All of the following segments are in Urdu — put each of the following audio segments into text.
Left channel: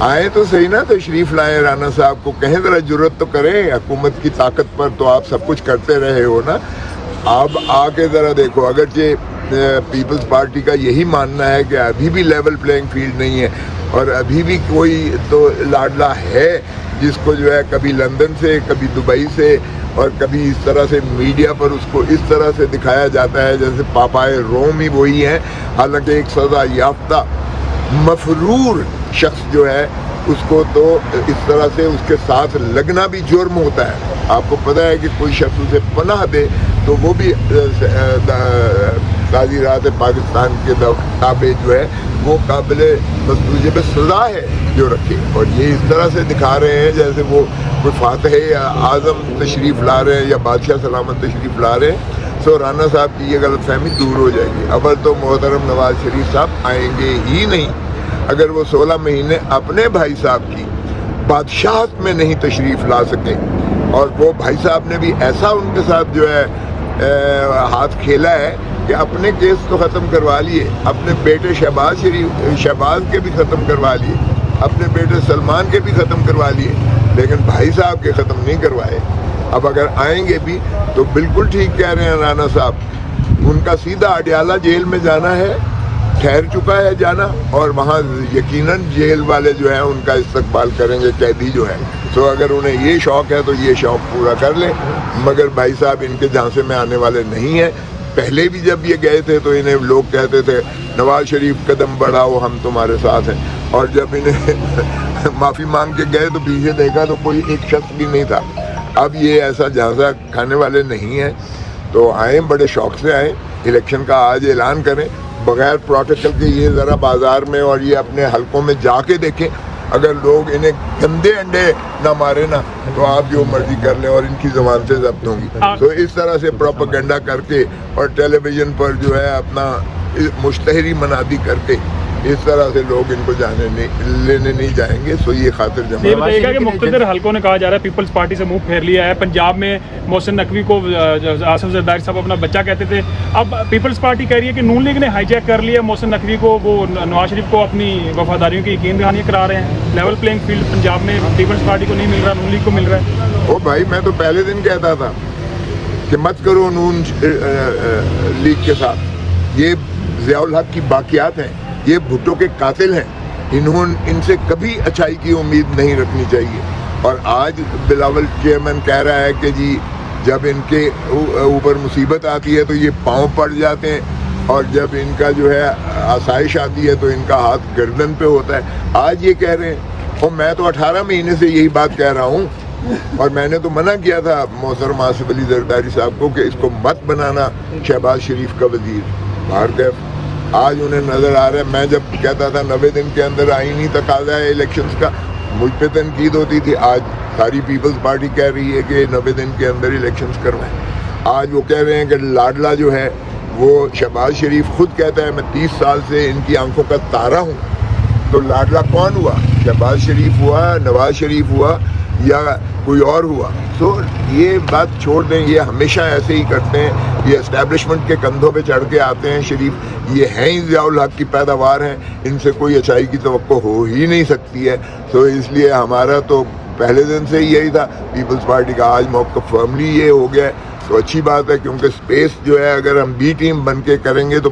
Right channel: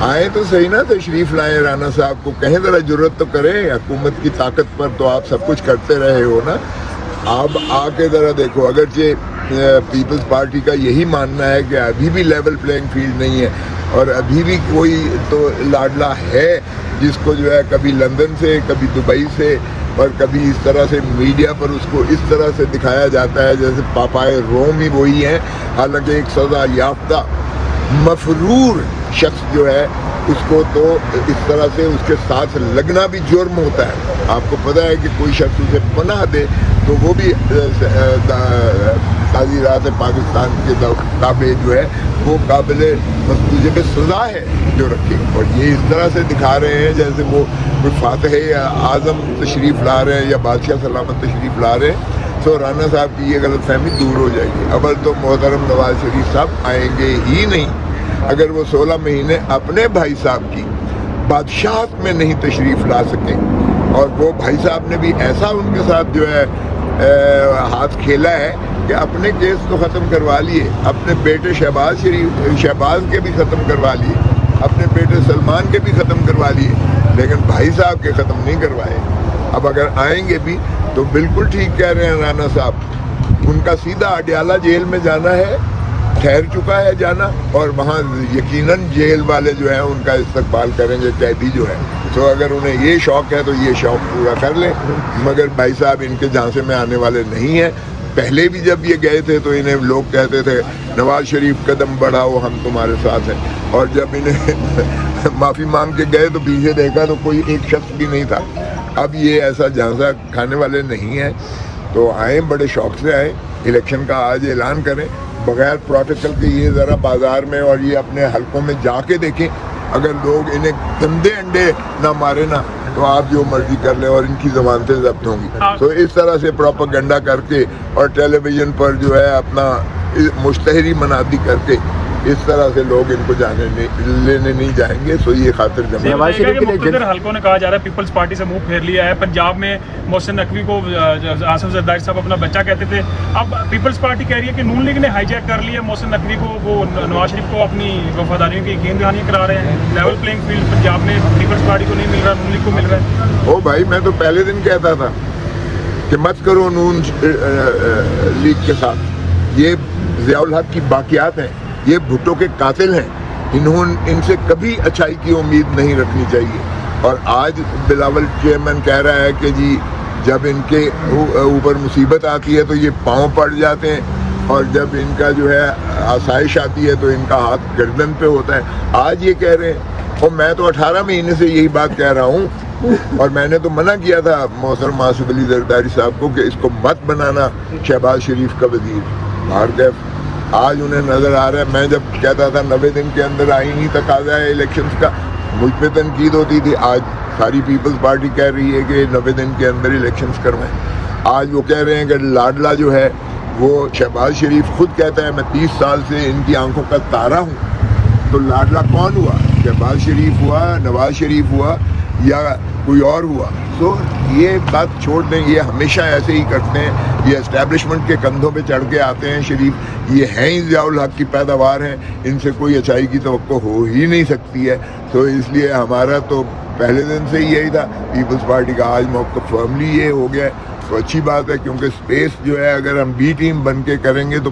آئے تو صحیح نا، تشریف لائے، رانا صاحب کو کہیں ذرا جرت تو کریں، حکومت کی طاقت پر تو آپ سب کچھ کرتے رہے ہو نا، آپ آ کے ذرا دیکھو۔ اگرچہ پیپلز پارٹی کا یہی ماننا ہے کہ ابھی بھی لیول پلینگ فیلڈ نہیں ہے، اور ابھی بھی کوئی تو لاڈلا ہے جس کو جو ہے کبھی لندن سے، کبھی دبئی سے، اور کبھی اس طرح سے میڈیا پر اس کو اس طرح سے دکھایا جاتا ہے جیسے پاپائے روم ہی وہی ہے، حالانکہ ایک سزا یافتہ مفرور شخص جو ہے اس کو تو اس طرح سے اس کے ساتھ لگنا بھی جرم ہوتا ہے۔ آپ کو پتہ ہے کہ کوئی شخص اسے پناہ دے تو وہ بھی قاضی راز پاکستان کے تابع جو ہے وہ قابل سزا ہے جو رکھے، اور یہ اس طرح سے دکھا رہے ہیں جیسے وہ کوئی فاتح یا اعظم تشریف لا رہے ہیں یا بادشاہ سلامت تشریف لا رہے ہیں۔ سو رانا صاحب کی یہ غلط فہمی دور ہو جائے گی۔ اول تو محترم نواز شریف صاحب آئیں گے ہی نہیں اگر وہ 16 مہینے اپنے بھائی صاحب کی بادشاہت میں نہیں تشریف لا سکے، اور وہ بھائی صاحب نے بھی ایسا ان کے ساتھ جو ہے ہاتھ کھیلا ہے کہ اپنے کیس تو ختم کروا لیے، اپنے بیٹے شہباز کے بھی ختم کروا لیے، اپنے بیٹے سلمان کے بھی ختم کروا لیے، لیکن بھائی صاحب کے ختم نہیں کروائے۔ اب اگر آئیں گے بھی تو بالکل ٹھیک کہہ رہے ہیں رانا صاحب، ان کا سیدھا اڈیالہ جیل میں جانا ہے، ٹھہر چکا ہے جانا، اور وہاں یقیناً جیل والے جو ہیں ان کا استقبال کریں گے، قیدی جو ہے۔ تو اگر انہیں یہ شوق ہے تو یہ شوق پورا کر لیں، مگر بھائی صاحب ان کے جھانسے میں آنے والے نہیں ہیں۔ پہلے بھی جب یہ گئے تھے تو انہیں لوگ کہتے تھے نواز شریف قدم بڑھاؤ ہم تمہارے ساتھ ہیں، اور جب انہیں معافی مانگ کے گئے تو پیچھے دیکھا تو کوئی ایک شخص بھی نہیں تھا۔ اب یہ ایسا جھانسا کھانے والے نہیں ہیں، تو آئیں، بڑے شوق سے آئیں، الیکشن کا آج اعلان کریں بغیر پروٹوکول کے، یہ ذرا بازار میں اور یہ اپنے حلقوں میں جا کے دیکھیں، اگر لوگ انہیں گندے انڈے نہ مارے نا تو آپ جو مرضی کر لیں اور ان کی زبان سے ضبط ہوں گی۔ تو اس طرح سے پروپیگنڈا کر کے اور ٹیلی ویژن پر جو ہے اپنا مشتہری منادی کر کے اس طرح سے لوگ ان کو لینے نہیں جائیں گے۔ سو یہ خاطر جمع مختلف حلقوں نے کہا جا رہا ہے پیپلز پارٹی سے منہ پھیر لیا ہے، پنجاب میں محسن نقوی کو آصف زرداری صاحب اپنا بچہ کہتے تھے، اب پیپلز پارٹی کہہ رہی ہے کہ نون لیگ نے ہائی جیک کر لیا ہے محسن نقوی کو، وہ نواز شریف کو اپنی وفاداریوں کی یقین دہانی کرا رہے ہیں، لیول پلینگ فیلڈ پنجاب میں پیپلز پارٹی کو نہیں مل رہا، نون لیگ کو مل رہا ہے۔ او بھائی، میں تو پہلے دن کہتا تھا کہ مت کرو نون لیگ کے ساتھ، یہ ضیاء الحق کی باقیات ہیں، یہ بھٹو کے قاتل ہیں، ان سے کبھی اچھائی کی امید نہیں رکھنی چاہیے۔ اور آج بلاول چیئرمین کہہ رہا ہے کہ جی جب ان کے اوپر مصیبت آتی ہے تو یہ پاؤں پڑ جاتے ہیں، اور جب ان کا جو ہے آسائش آتی ہے تو ان کا ہاتھ گردن پہ ہوتا ہے۔ آج یہ کہہ رہے ہیں، اور میں تو 18 مہینے سے یہی بات کہہ رہا ہوں، اور میں نے تو منع کیا تھا محترم آصف علی زرداری صاحب کو کہ اس کو مت بنانا شہباز شریف کا وزیر۔ بھارت آج انہیں نظر آ رہا ہے، میں جب کہتا تھا 90 دن کے اندر آئینی تقاضا ہے الیکشنز کا، مجھ پہ تنقید ہوتی تھی، آج ساری پیپلز پارٹی کہہ رہی ہے کہ 90 دن کے اندر الیکشنز کروائیں۔ آج وہ کہہ رہے ہیں کہ لاڈلا جو ہے وہ شہباز شریف خود کہتے ہیں میں 30 سال سے ان کی آنکھوں کا تارا ہوں، تو لاڈلا کون ہوا؟ شہباز شریف ہوا، نواز شریف ہوا، یا کوئی اور ہوا؟ تو یہ بات چھوڑ دیں، یہ ہمیشہ ایسے ہی کرتے ہیں، یہ اسٹیبلشمنٹ کے کندھوں پہ چڑھ کے آتے ہیں شریف، یہ ہیں ہی ضیاء الحق کی پیداوار ہیں، ان سے کوئی اچھائی کی توقع ہو ہی نہیں سکتی ہے۔ تو اس لیے ہمارا تو پہلے دن سے ہی یہی تھا، پیپلز پارٹی کا آج موقف فرملی یہ ہو گیا ہے، تو اچھی بات ہے، کیونکہ سپیس جو ہے اگر ہم بی ٹیم بن کے کریں گے تو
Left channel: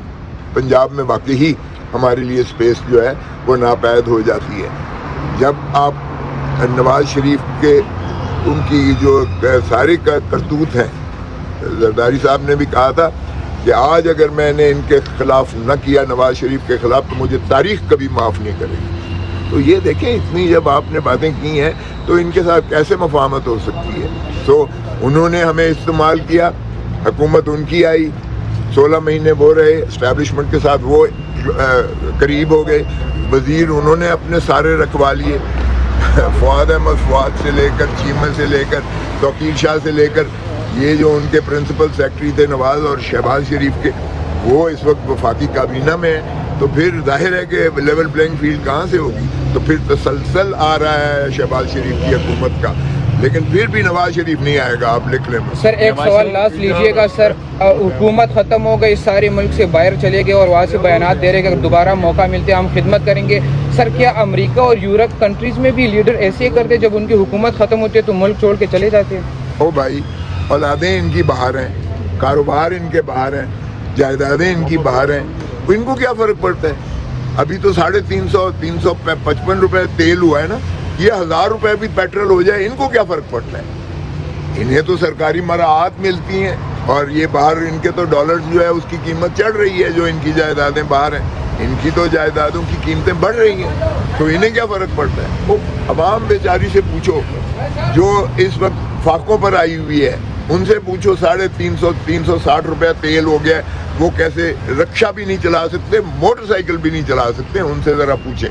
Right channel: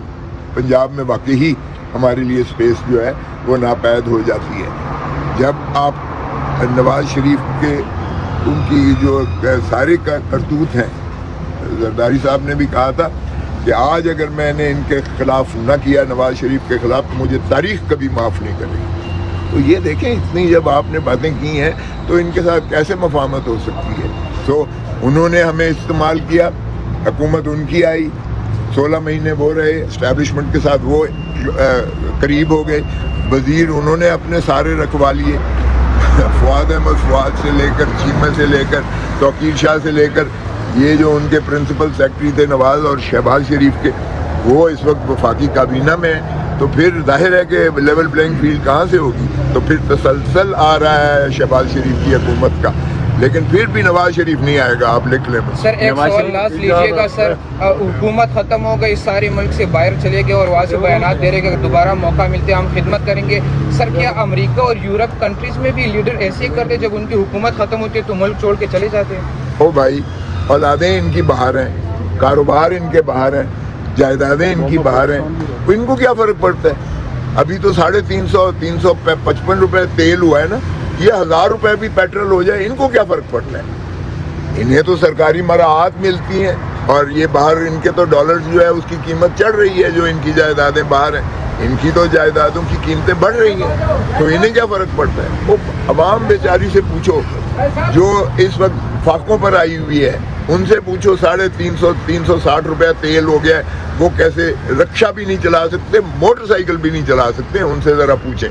پنجاب میں واقعی ہی ہمارے لیے سپیس جو ہے وہ ناپید ہو جاتی ہے۔ جب آپ نواز شریف کے ان کی جو سارے کرتوت ہیں، زرداری صاحب نے بھی کہا تھا کہ آج اگر میں نے ان کے خلاف نہ کیا، نواز شریف کے خلاف، تو مجھے تاریخ کبھی معاف نہیں کرے گی۔ تو یہ دیکھیں، اتنی جب آپ نے باتیں کی ہیں تو ان کے ساتھ کیسے مفاہمت ہو سکتی ہے؟ تو انہوں نے ہمیں استعمال کیا، حکومت ان کی آئی، 16 مہینے وہ رہے، اسٹیبلشمنٹ کے ساتھ وہ قریب ہو گئے، وزیر انہوں نے اپنے سارے رکھوا لیے، فواد احمد فواد سے لے کر، چیمہ سے لے کر، توقیر شاہ سے لے کر، یہ جو ان کے پرنسپل سیکرٹری تھے نواز اور شہباز شریف کے، وہ اس وقت وفاقی کابینہ میں ہیں۔ تو پھر ظاہر ہے کہ لیول پلینگ فیلڈ کہاں سے ہوگی؟ تو پھر تسلسل آ رہا ہے شہباز شریف کی حکومت کا لیکن پھر بھی نواز شریف نہیں آئے گا, آپ لکھ لیں. سر ایک سوال لاسٹ لیجیے گا سر, حکومت ختم ہو گئی, ساری ملک سے باہر چلے گئے اور وہاں سے بیانات دے رہے کہ اگر دوبارہ موقع ملتے ہم خدمت کریں گے. سر کیا امریکہ اور یورپ کنٹریز میں بھی لیڈر ایسے ہی کرتے جب ان کی حکومت ختم ہوتی ہے تو ملک چھوڑ کے چلے جاتے ہیں؟ ہو بھائی, اولادیں ان کی باہر ہیں, کاروبار ان کے باہر ہیں, جائیدادیں ان کی باہر ہیں, ان کو کیا فرق پڑتا ہے؟ ابھی تو 355 روپے تیل ہوا ہے نا, یہ 1000 روپے بھی پیٹرول ہو جائے, ان کو کیا فرق پڑتا ہے؟ انہیں تو سرکاری مراعات ملتی ہیں, اور یہ باہر ان کے تو ڈالر جو ہے اس کی قیمت چڑھ رہی ہے, جو ان کی جائیدادیں باہر ہیں, ان کی تو جائیدادوں کی قیمتیں بڑھ رہی ہیں, تو انہیں کیا فرق پڑتا ہے؟ وہ عوام بیچاری سے پوچھو جو اس وقت فاقوں پر آئی ہوئی ہے, ان سے پوچھو 360 روپے تیل ہو گیا, وہ کیسے رکشہ بھی نہیں چلا سکتے, موٹر سائیکل بھی نہیں چلا سکتے, ان سے ذرا پوچھیں.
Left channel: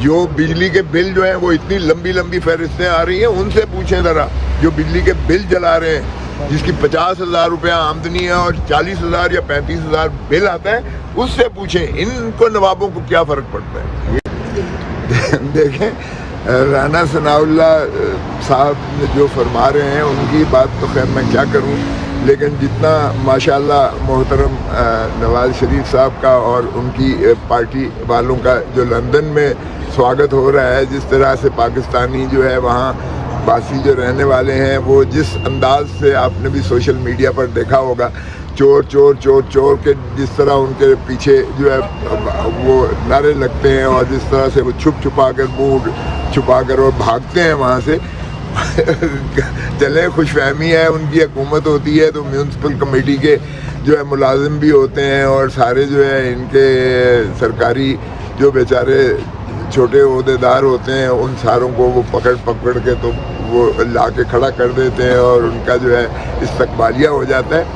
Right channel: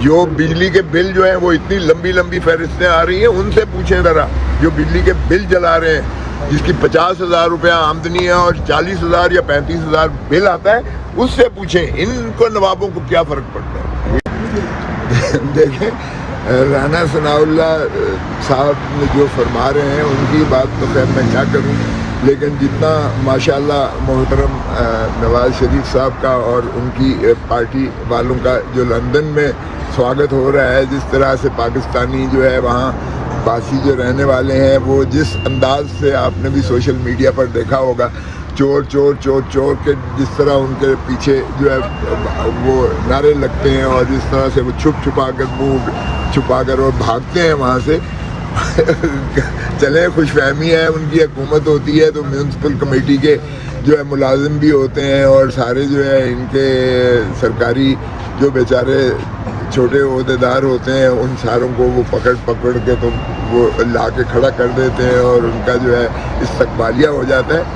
جو بجلی کے بل جو ہیں وہ اتنی لمبی فہرستیں آ رہی ہیں, ان سے پوچھیں ذرا, جو بجلی کے بل جلا رہے ہیں, جس کی 50,000 روپے آمدنی ہے اور 40,000 یا 35,000 بل آتا ہے, اس سے پوچھیں ان کو نوابوں کو کیا فرق پڑتا ہے. دیکھیں رانا ثناء اللہ صاحب جو فرما رہے ہیں ان کی بات تو خیر میں کیا کروں, لیکن جتنا ماشاءاللہ محترم نواز شریف صاحب کا اور ان کی پارٹی والوں کا جو لندن میں سواگت ہو رہا ہے, جس طرح سے پاکستانی جو ہے وہاں باسی جو رہنے والے ہیں, وہ جس انداز سے آپ نے بھی سوشل میڈیا پر دیکھا ہوگا, چور چور چور چور کے جس طرح ان کے پیچھے جو ہے وہ نعرے لگتے ہیں, اور جس طرح سے وہ چھپا کر منہ چھپا کر اور بھاگتے ہیں وہاں سے. چلے خوش فہمی ہے, ان کی حکومت ہوتی ہے تو میونسپل کمیٹی کے جو ہے ملازم بھی ہوتے ہیں, اور سارے جو ہے ان کے سرکاری جو بیچارے چھوٹے عہدیدار ہوتے ہیں, ان ساروں کو وہ پکڑ کے تو وہ لا کے کھڑا کر دیتے ہیں, اور ان کا جو ہے استقبالیہ ہو جاتا ہے.